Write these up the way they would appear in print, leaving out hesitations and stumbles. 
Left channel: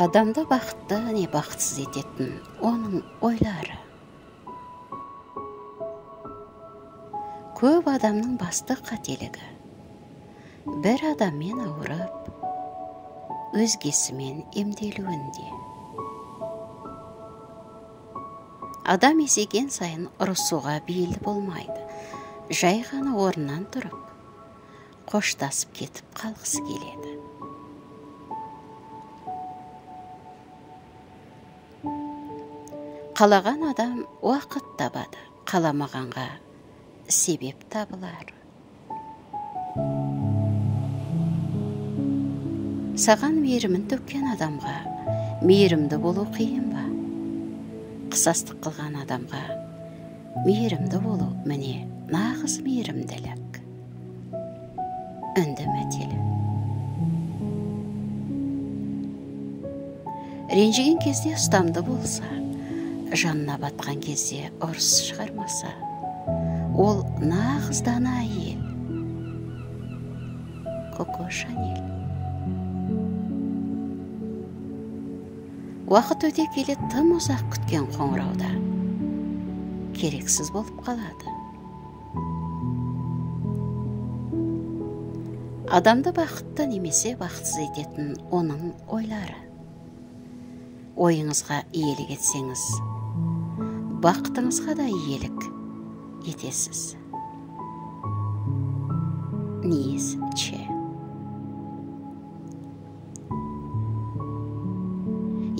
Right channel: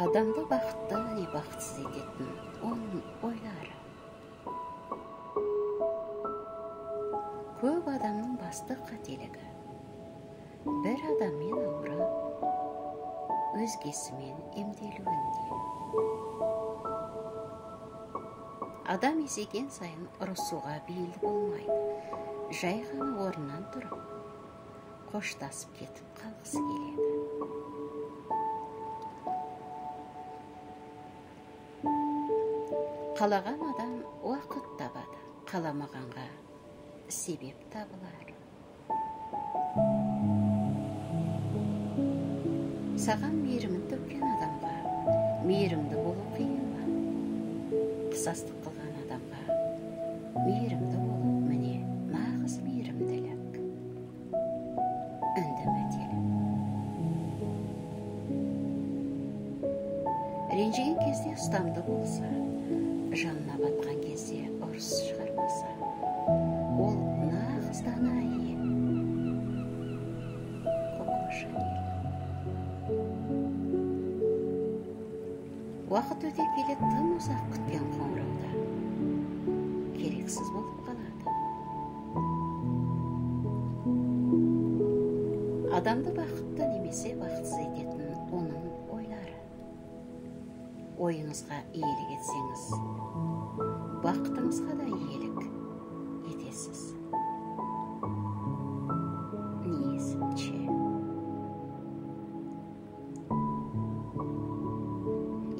Адамды бақытты не бақытсыз ететін оның ойлары. Көп адамның басты қателігі бір адаммен ауырып, өзгесімен емделуінде. Адам есейген сайын ұрысуға бейіл болмайды. Жай ғана орнынан тұрып, қоштасып кетіп қалғысы келеді. Қалаған адам уақыт табады, қаламағанға себеп табылар. Саған мейірімін төккен адамға мейірімді болу қиын ба? Қысастық қылған адамға мейірімді болу, міне, нағыз мейірімділік. Үндемәтелі. Ренжіген кезде ұстамды болса, жанына батқан кезде ұрыс шығармаса, ол нағыз дана әйел. Коко Шанель. Уақыт өте келе тым ұзақ күткен қоңырауда керексіз болып қалады. Адамды бақытты немесе бақытсыз ететін оның ойлары. Ойыңызға иелік етсеңіз, бақытыңызға да иелік етесіз. Ниесче.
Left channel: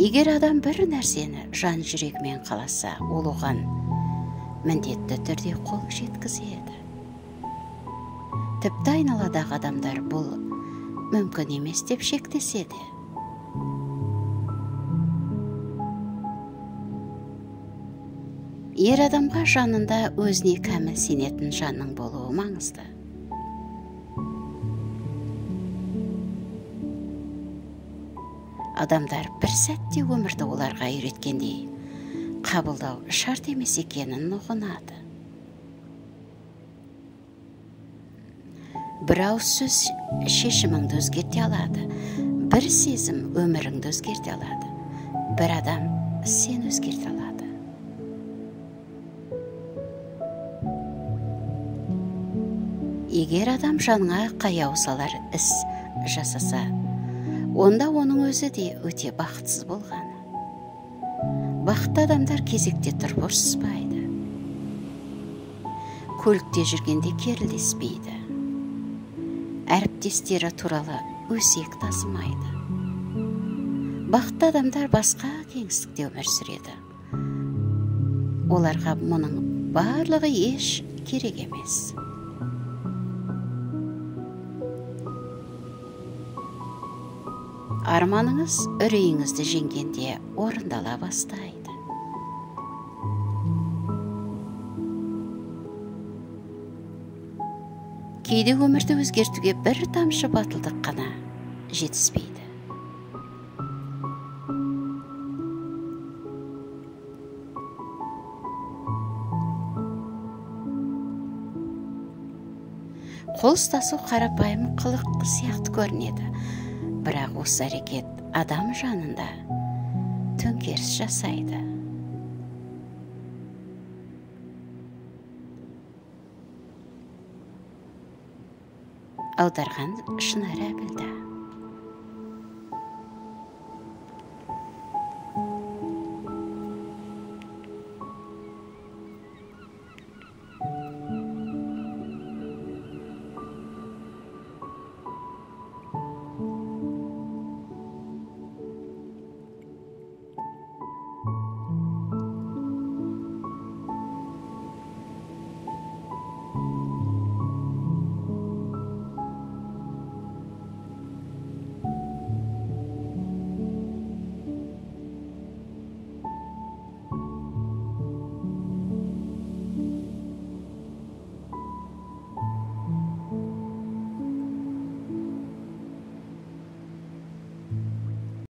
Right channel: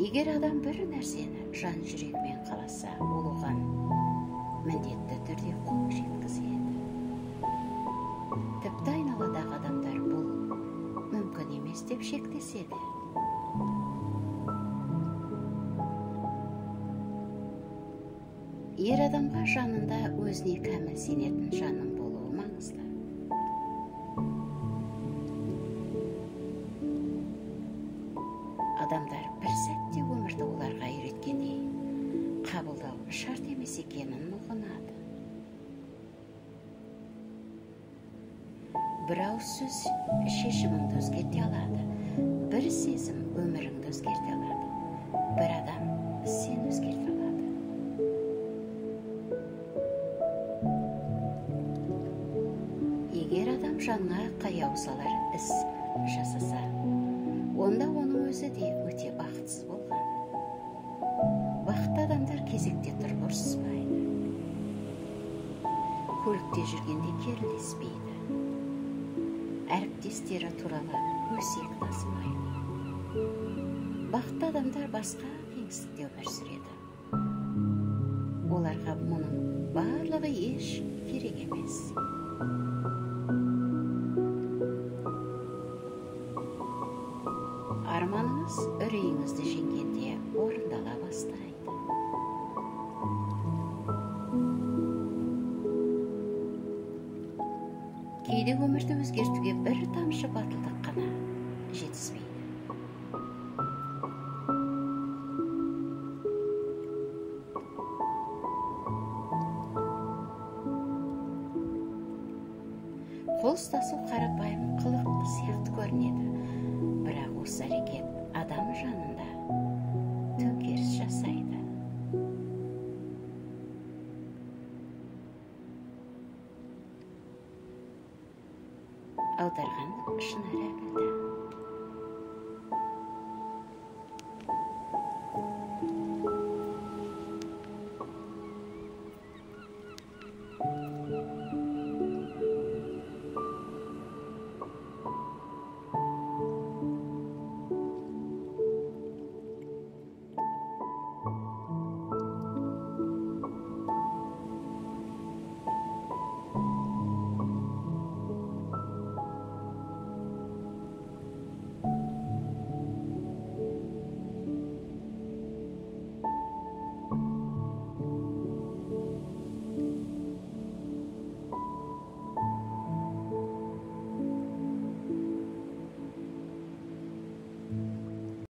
Егер адам бір нәрсені жан жүрегімен қаласа, ол оған міндетті түрде қол жеткізеді. Тіпті айналадағы адамдар бұл мүмкін емес деп шектеседі. Ер адамға жанында өзіне кәміл сенетін жанның болуы маңызды. Адамдар бір сәтте өмірді оларға үйреткендей қабылдау шарт емес екенін ұғынады. Бір ауыз сөз шешіміңді өзгерте алады, бір сезім өміріңді өзгерте алады, бір адам сен өзгерте алады. Егер адам жаныңа қаяу салар іс жасаса, онда оның өзі де өте бақытсыз болған. Бақытты адамдар кезекте тұрып ұрсыспайды. Көлікте жүргенде керілдеспейді. Әріптестері туралы өсек тасымайды. Бақытты адамдар басқа кеңістікте өмір сүреді. Оларға мұның барлығы еш керек емес. Арманыңыз үрейіңізді жеңгенде орындала бастайды. Кейде өмірді өзгертуге бір тамшы батылдық қана жетіспейді. Қол ұстасу қарапайым қылық сияқты көрінеді. Бірақ осы әрекет адам жанында төңкеріс жасайды. Аударған Шынар Әбілда.